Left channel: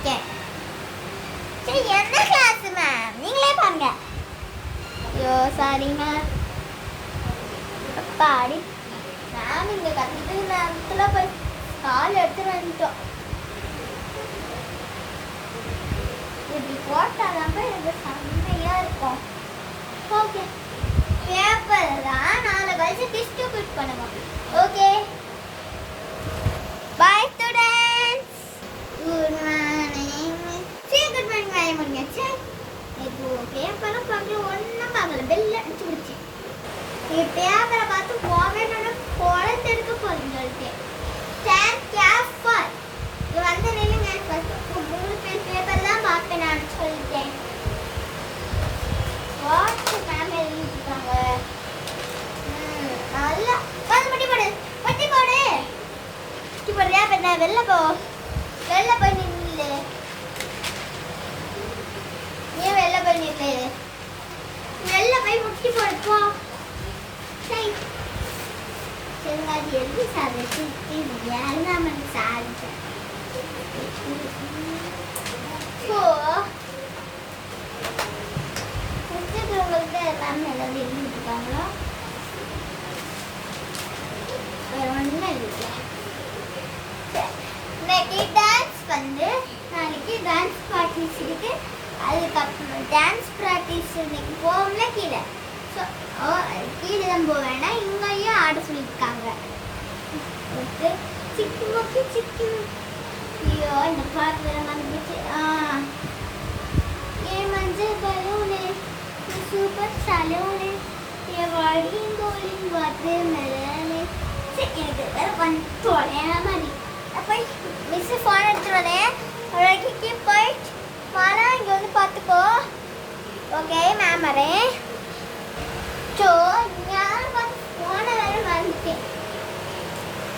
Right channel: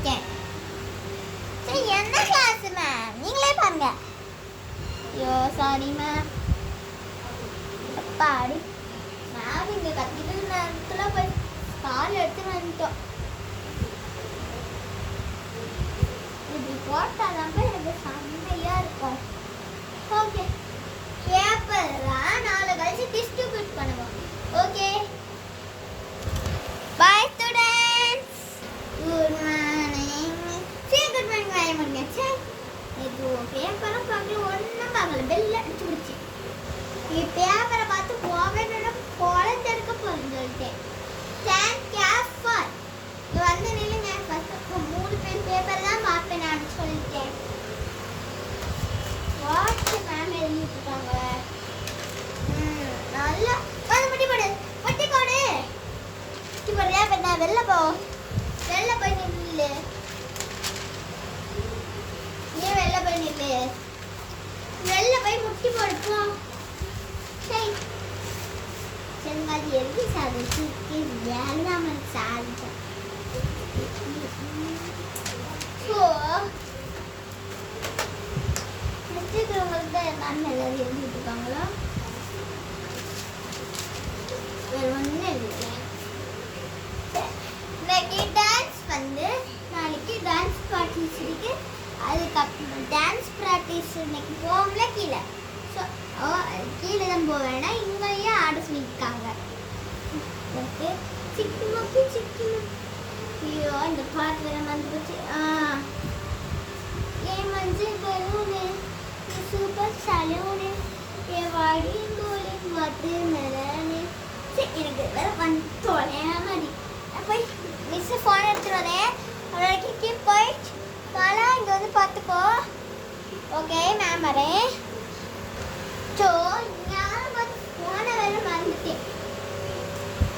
இருக்கேன். சரி என்ன கிளாஸ் மேம்? நீங்களே பாருங்க. ஐயோ சாரி மேம். அப்பாடி மேம் இங்கே கத்திட்டு நேரத்தில் போய் கால் எடுத்துட்டு வந்துட்டோம். இப்படி போட்டால் தான் எனக்கு செம்மையாக இருக்கும். ஓகே பேப்பர் தான் நாளை கழிச்சு டிஸ்ட்ரிபியூட் பண்ணுவோம். Okay bye students. Good morning. சரி குட் மார்னிங் வேலை முடிஞ்சாச்சு. இப்போ பேப்பரும் பார்க்கல ஒன்றும் பார்க்கல பெல் அடிச்சு பிடிச்சி பேப்பரை பார்த்து போவேன்னு குழந்தை எடுக்க போறேன்னு சொல்லிட்டேன். Stand careful. இது வந்து நில்லுங்க. ஃபர்ஸ்ட் 3 பேர் பேப்பர் தான் பார்ப்பேன் நான் சொல்லிட்டேன். வாட்ஸ் மேம் எழுதிருக்காங்க. நல்லா பட்டி போடு பட்டி போடு பட்டி போடுறியா? இப்போ வெளில போய் நில்லு. நீ வெளில போய் நில்லு. வெளில போய் முட்டி போடு போ. சரி சரிங்க. அது எது சாதிச்சு ஏழாமல் சாதிச்சேன். ஸோ உங்களுக்கு மேம் ஏதாவது எழுதிட்டுருக்காங்களா? வேறு ஒன்றுமே இல்லை. இன்னைக்கு டான்ஸ் வந்து நாளைக்கு டான்ஸ் ப்ராக்டிஸ் இருக்கு. அதுக்கப்புறம் டான்ஸ் ப்ராக்டிஸ் இன்னைக்கு போகல கீழே. ஸோ கீழே தான் போக வேண்டாம், இங்கேயும் ஆட சொல்லியிருக்காங்க. சிக்கி மொக்கி சிக்கி. ஐயோ இந்த பாட்டு வேற மறந்துச்சு. ஏன் மஞ்சள் பலூனு சூப்பர் சலூனு என் வாடியும் கோலிங் வாட்டர் மெலனு. சரி எனக்கு வேற பண்ண தொலையா மாதிரி போய் மிஸ்ஸு ஃபோன் எடுத்துட்டு வரேன். அவ்வளோக்கு போயிட்டு மாலா இங்கே வந்து பார்த்துக்கோ. ஓகே மேம் வரேன். ஸோ யாரும் பார்த்து ஃபோனை வேற மறந்துட்டேன்.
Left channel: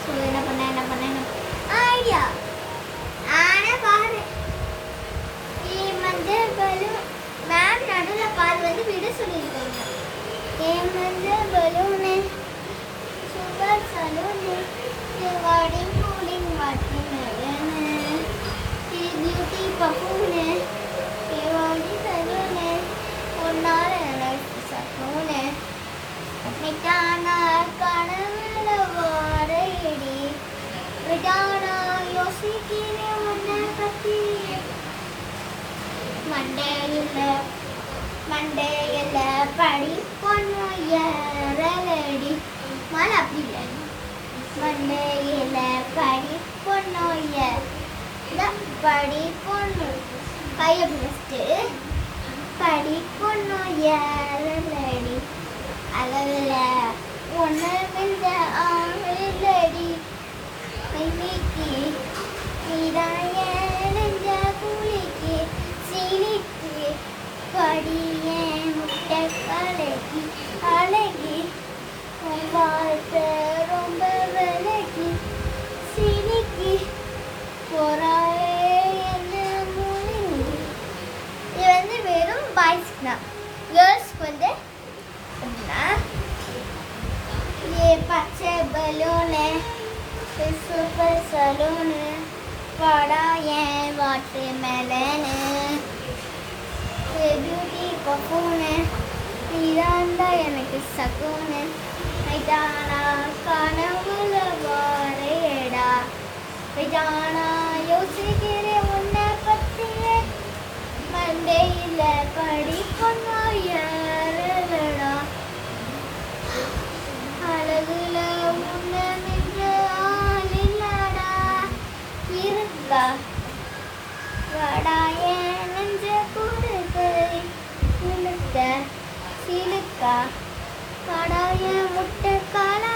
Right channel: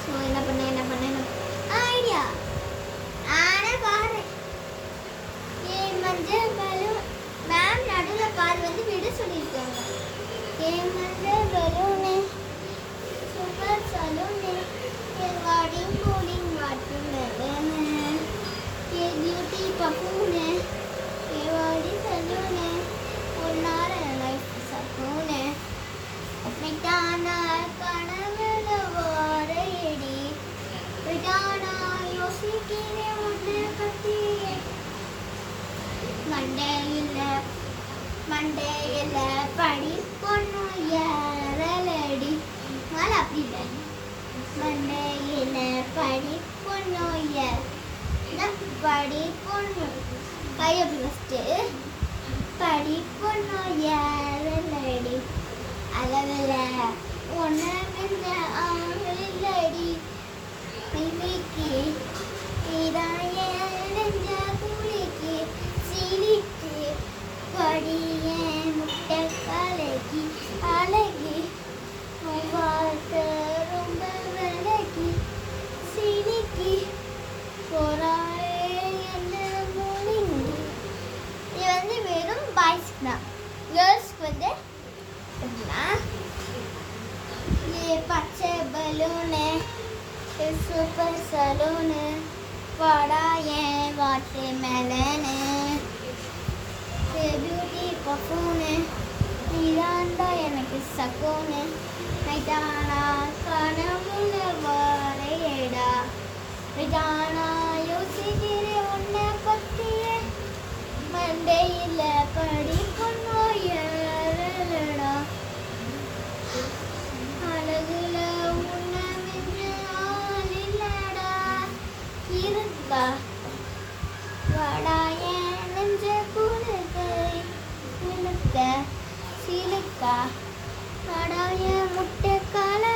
ஸோ என்ன பண்ண ஐடியா ஆனால் பாரு மஞ்சள் பலூன் மேம் நடுவில் பால் வந்து விட சொல்லியிருக்காங்க. ஏன் மஞ்சள் பலூனு சூப்பர் சலூனு வாடிங் cooling watermelon beauty buffoon வாடி சலூனு ஒன்னால லைஃப் சலூனு மிட்டானா கனவுல வாரையடி விட்டானா யோசிக்கிறேன் உன்னை பற்றி. மண்டையில் படி பொண்ணு ஏறலடி மழை அப்படி இல்லை. மண்டையில் படி பொண்ணு படி பொண்ணு கையை ஃபஸ்ட்டு படி பொண்ணு ஏறலடி அளவில் ஒன்று மிஞ்ச ஆளடி மைக்கு இதான் நெஞ்ச கூலிக்கு சீனிக்கு படிய முட்டை கலகி அழகி வார்த்தை ரொம்ப விலகி சீனிக்கு போறாளே என்ன மூலிங்கி. இது வந்து வெறும் பாய்ஸ்க்கு தான். கேர்ள்ஸ்க்கு வந்து அப்படின்னா ஏ பச்சை பலூனு சூப்பர் சலூனு வாடா ஏன் வாட்டர் மெலனு பியூட்டி பஃபூனு நீதாண்டா எனக்கு சக்கூனு நைட்டானா கனவுல வாரையடா விட்டானா யோசிக்கிறேன் உன்னை பற்றிய மண்டையில் படி பொண்ணா ஏறலடா அழகுல உன்னை மின்ற ஆள் இல்லடா இருக்கா வாடா ஏன் நெஞ்ச குடுக்கை இழுக்க சிலுக்கா வாடா ஏன் முட்டை காலா